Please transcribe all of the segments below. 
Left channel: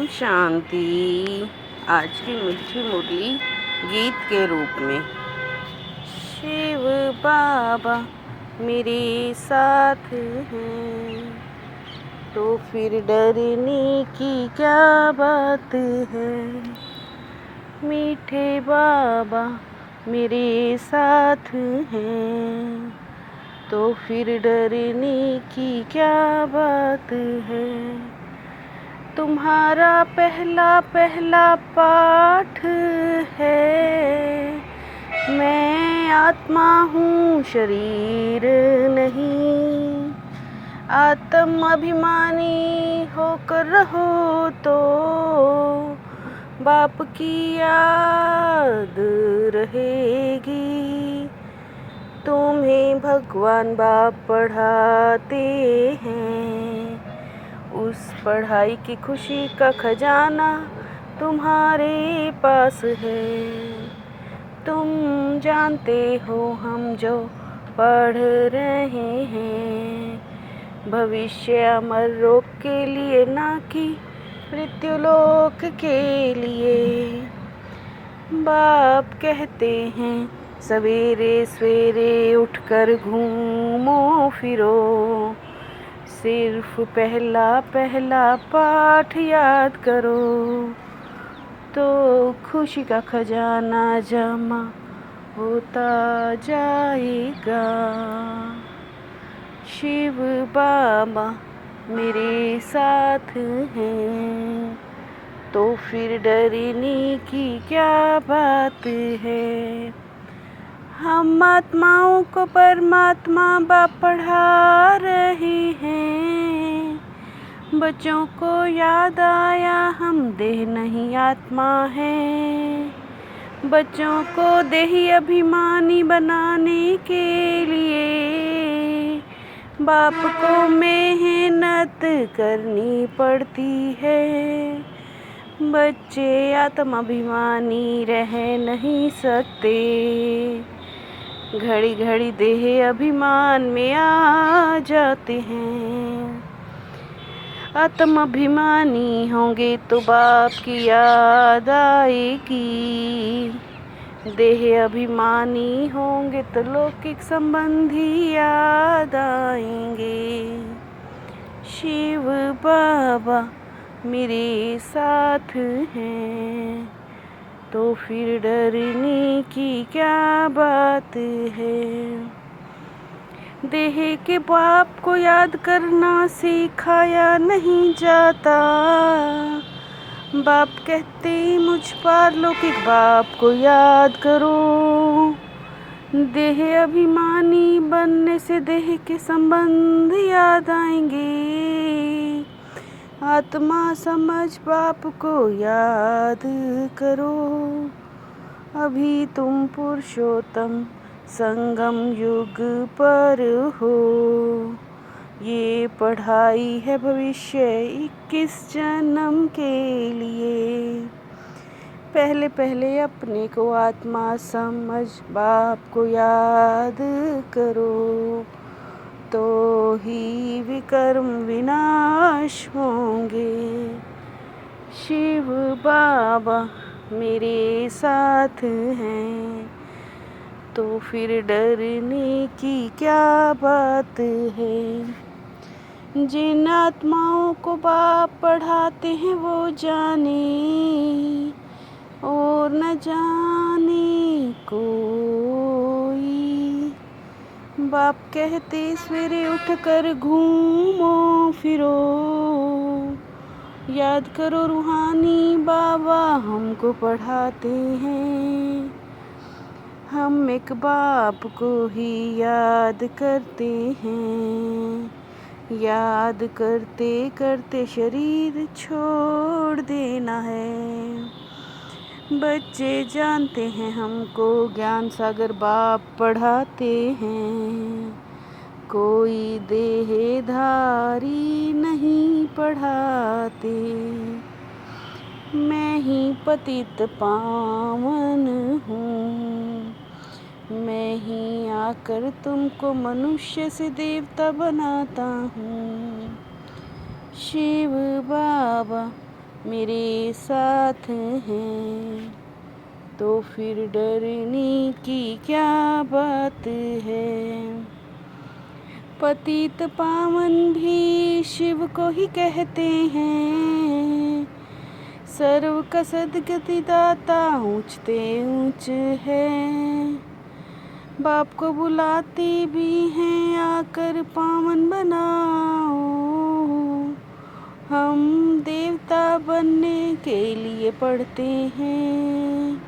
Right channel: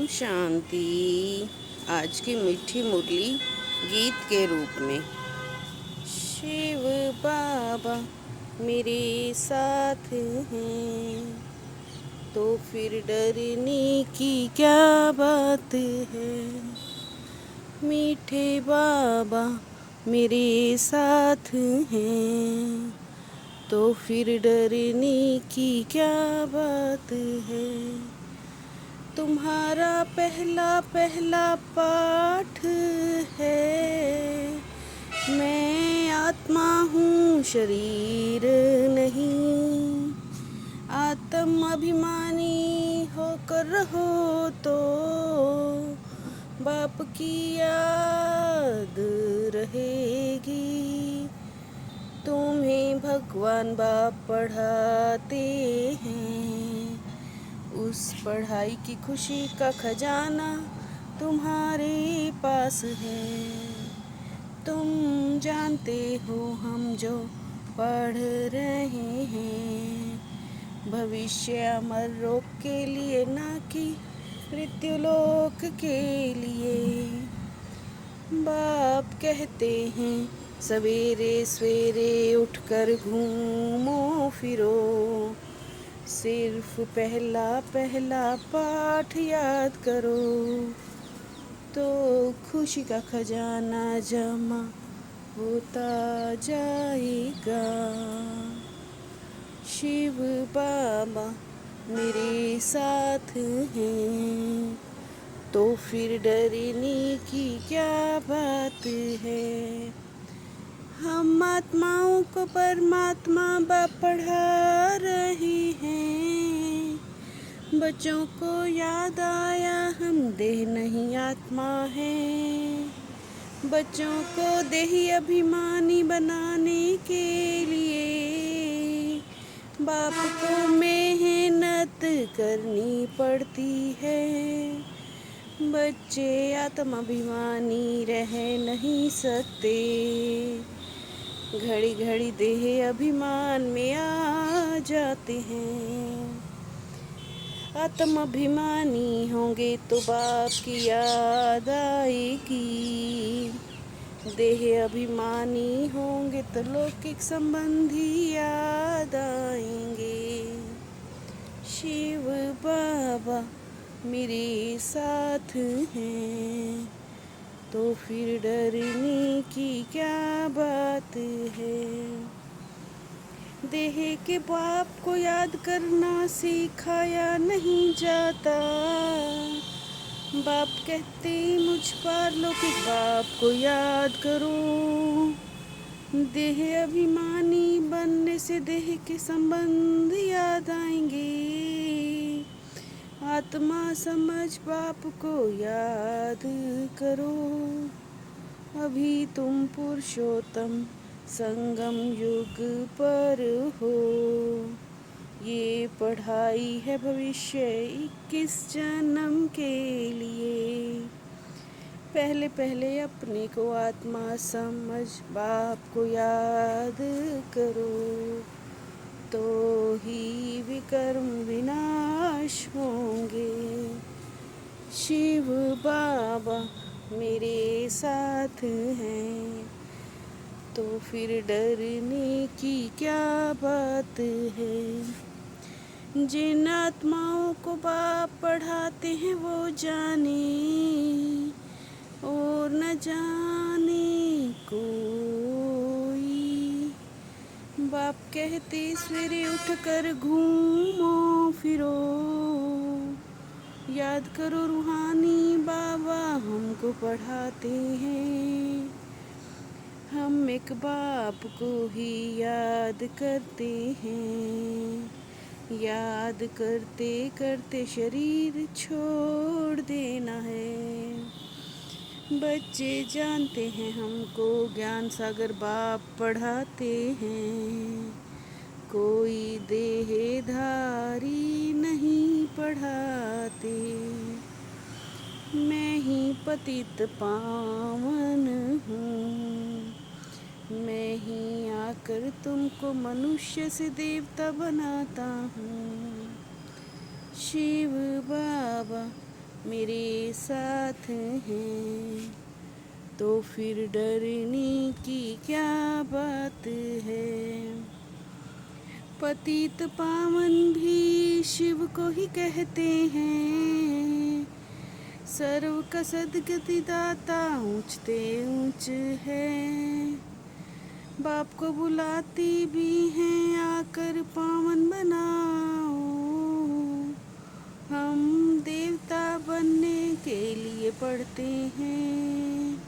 ओम शांति। आज की मीठी मुरली गीत के रूप में। शिव बाबा मेरे साथ हैं तो फिर डरने की क्या बात है। मीठे बाबा मेरे साथ हैं तो फिर डरने की क्या बात है। तुम्हारा पहला पहला पाठ है, मैं आत्मा हूँ शरीर नहीं। आत्म अभिमानी होकर रहो तो बाप की याद रहेगी। तुम्हें भगवान बाप पढ़ाते हैं, उस पढ़ाई की खुशी का खजाना तुम्हारे पास है। तुम जानते हो हम जो पढ़ रहे हैं, भविष्य अमर लोक के लिए ना कि मृत्युलोक के लिए। बाप कहते हैं सवेरे सवेरे उठकर घूमो फिरो, सिर्फ पहला पहला पाठ याद करो तो खुशी का खजाना जमा होता जाएगा। शिव बाबा मेरे साथ हैं तो फिर डरने की क्या बात है। हम आत्माओं को परमात्मा बाप पढ़ा रहे हैं। बच्चों को याद आया हम देह नहीं आत्मा हैं। बच्चों को देही अभिमानी बनाने के लिए बाप को मेहनत करनी पड़ती है। बच्चे आत्म अभिमानी रह नहीं सकते, घड़ी घड़ी देह अभिमान में आ जाते हैं। आत्म अभिमानी होंगे तो बाप की याद आएगी। देह अभिमानी होंगे तो लौकिक संबंधी याद आएंगे। शिव बाबा मेरे साथ हैं तो फिर डरने की क्या बात है। देह के बाप को याद करना सिखाया नहीं जाता। बाप कहते मुझ पारलौकिक बाप को याद करो। देह अभिमानी बनने से देह के संबंध याद आएंगे। आत्मा समझ बाप को याद करो। अभी तुम पुरुषोत्तम संगम युग पर हो। ये पढ़ाई है भविष्य 21 जन्म के लिए। पहले पहले अपने को आत्मा समझ बाप को याद करो तो ही विकर्म विनाश होंगे। शिव बाबा मेरे साथ हैं तो फिर डरने की क्या बात है। जिन आत्माओं को बाप पढ़ाते हैं वो जाने और न जाने कोई। बाप कहते सवेरे उठकर घूमो फिरो, याद करो रूहानी बाबा हमको पढ़ाते हैं। हम एक बाप को ही याद करते हैं। याद करते करते शरीर छोड़ देना है। बच्चे जानते हैं हमको ज्ञान सागर बाप पढ़ाते हैं। कोई देहधारी नहीं पढ़ाते। मैं ही पतित पावन हूँ। मैं ही आकर तुमको मनुष्य से देवता बनाता हूँ। शिव बाबा मेरे साथ हैं, तो फिर डरने की क्या बात है। पतित पावन भी शिव को ही कहते हैं, सर्व का सद्गति दाता ऊंचते ऊंच है। बाप को बुलाते भी हैं, आकर पावन बनाओ, हम देवता बनने के लिए पढ़ते हैं।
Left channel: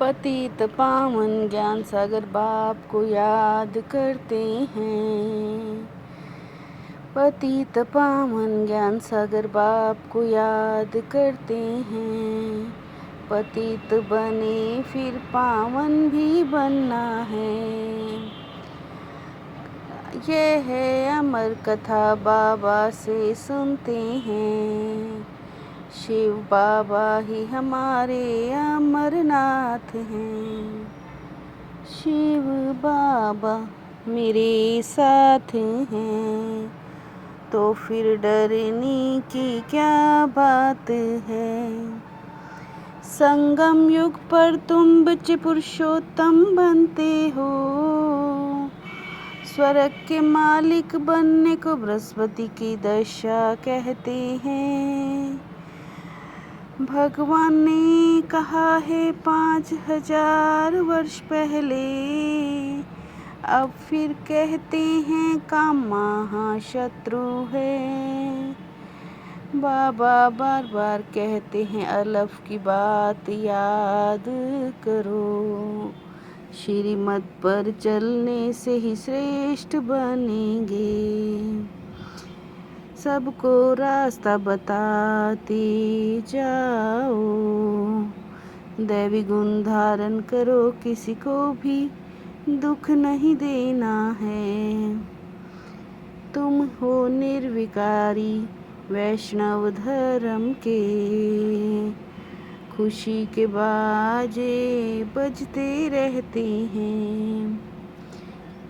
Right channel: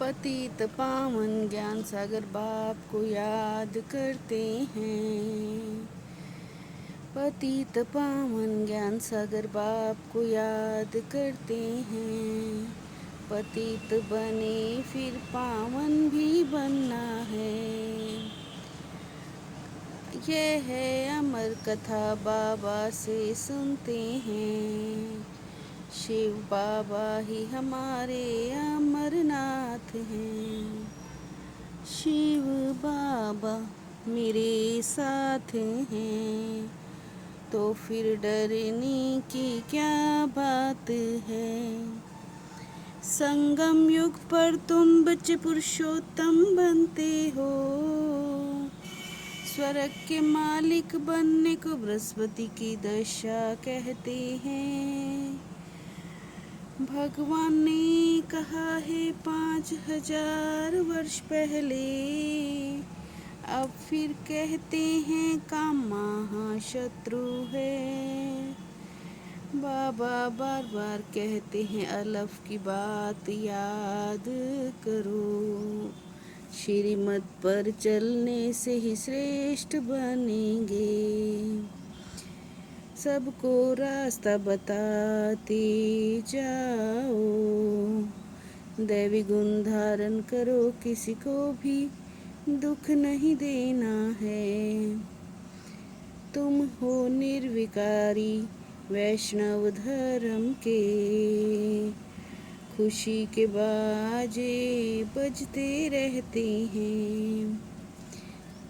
पतित पावन ज्ञान सागर बाप को याद करते हैं, पतित पावन ज्ञान सागर बाप को याद करते हैं। पतित बने फिर पावन भी बनना है, ये है अमर कथा बाबा से सुनते हैं। शिव बाबा ही हमारे अमरनाथ हैं, शिव बाबा मेरे साथ हैं, तो फिर डरने की क्या बात है। संगम युग पर तुम बच्चे पुरुषोत्तम बनते हो, स्वर्ग के मालिक बनने को बृहस्पति की दशा कहते हैं। भगवान ने कहा है 5000 वर्ष पहले, अब फिर कहते हैं काम महाशत्रु है। बाबा बार बार कहते हैं अलफ की बात याद करो, श्रीमत पर चलने से ही श्रेष्ठ बनेंगे। सबको रास्ता बताते जाओ, दैवी गुण धारण करो, किसी को भी दुख नहीं देना है। तुम हो निर्विकारी वैष्णव धर्म के, खुशी के बाजे बजते रहते हैं।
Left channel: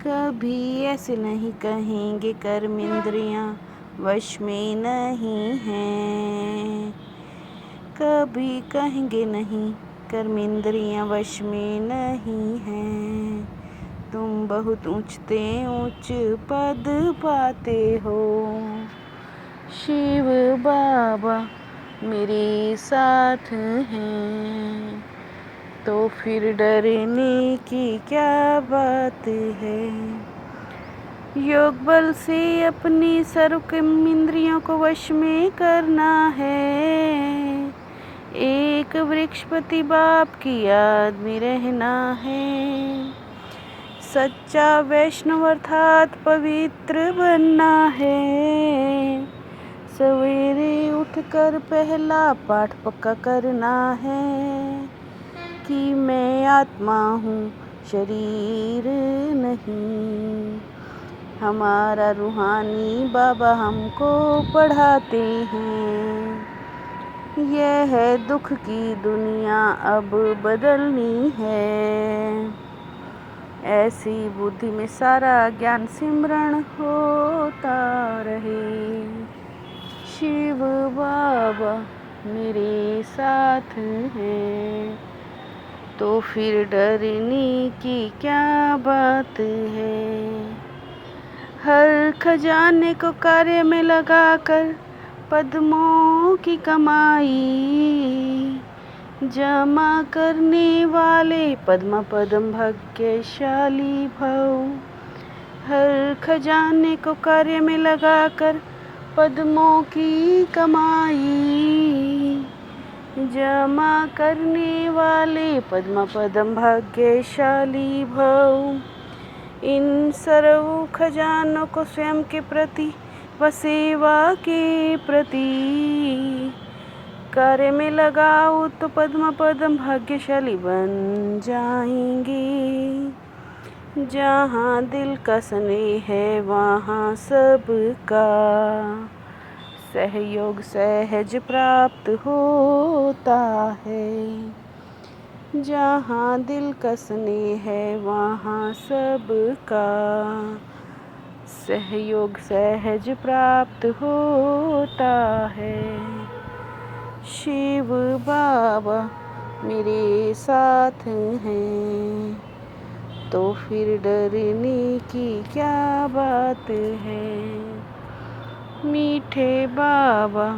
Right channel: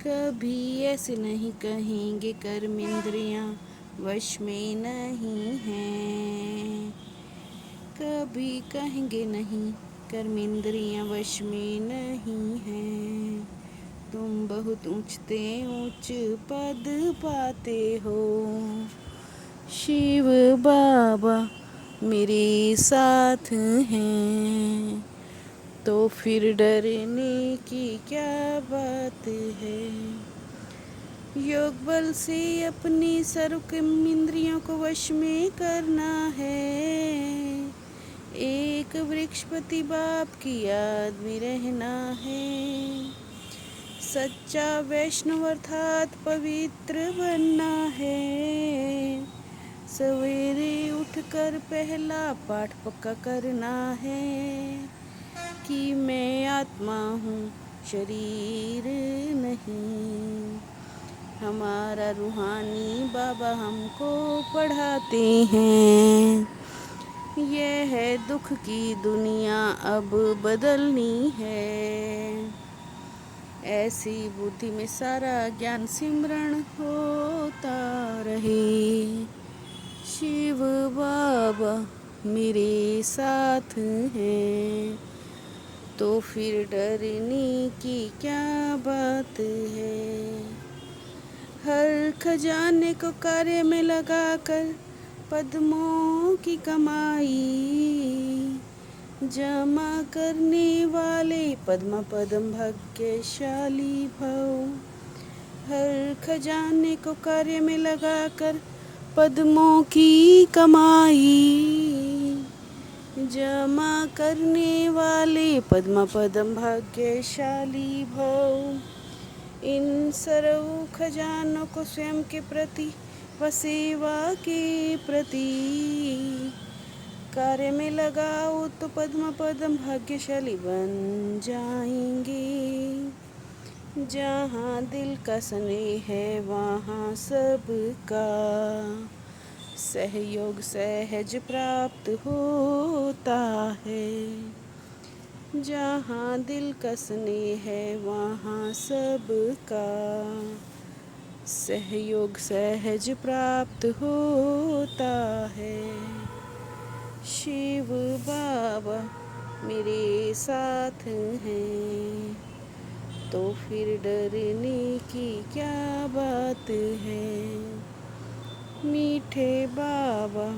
कभी ऐसे नहीं कहेंगे कर्म इंद्रियां वश में नहीं हैं, कभी कहेंगे नहीं कर्म इंद्रियां वश में नहीं हैं। तुम बहुत ऊंचते ऊंच पद पाते हो, शिव बाबा मेरे साथ हैं, तो फिर डरने की क्या बात है। योग बल से अपनी सर्व इंद्रियों को वश में करना है, एक वृक्षपति बाप की याद में रहना है। सच्चा वैष्णव अर्थात पवित्र बनना है, सवेरे उठकर पहला पाठ पक्का करना है कि मैं आत्मा हूँ शरीर नहीं। हमारा रूहानी बाबा हमको पढ़ाते हैं, यह है दुख की दुनिया अब बदलनी है। ऐसी बुद्धि में सारा ज्ञान सिमरण होता रहे, शिव बाबा मेरे साथ हैं, तो फिर डरने की क्या बात है। हर खजाने को कार्य में लगाकर पद्मों की कमाई जमा करने वाले पद्म पद्म भाग्यशाली भव। हर खजाने को कार्य में लगाकर पद्मों की कमाई जमा करने वाले पद्म पद्म भाग्यशाली भव। इन सर्व खजानों को स्वयं के प्रति व सेवा के प्रति कार्य में लगाओ तो पद्म पद्म भाग्यशाली बन जाएंगे। जहाँ दिल का स्नेह है वहाँ सबका सहयोग सहज प्राप्त होता है। जहाँ दिल का स्नेह है वहाँ सबका सहयोग सहज प्राप्त होता है। शिव बाबा मेरे साथ हैं, तो फिर डरने की क्या बात है। मीठे बाबा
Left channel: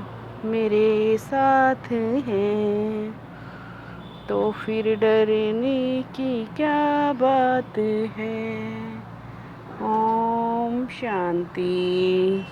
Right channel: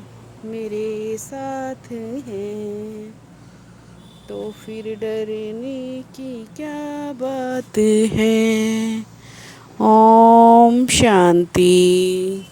मेरे साथ हैं, तो फिर डरने की क्या बात है। ओम शांति।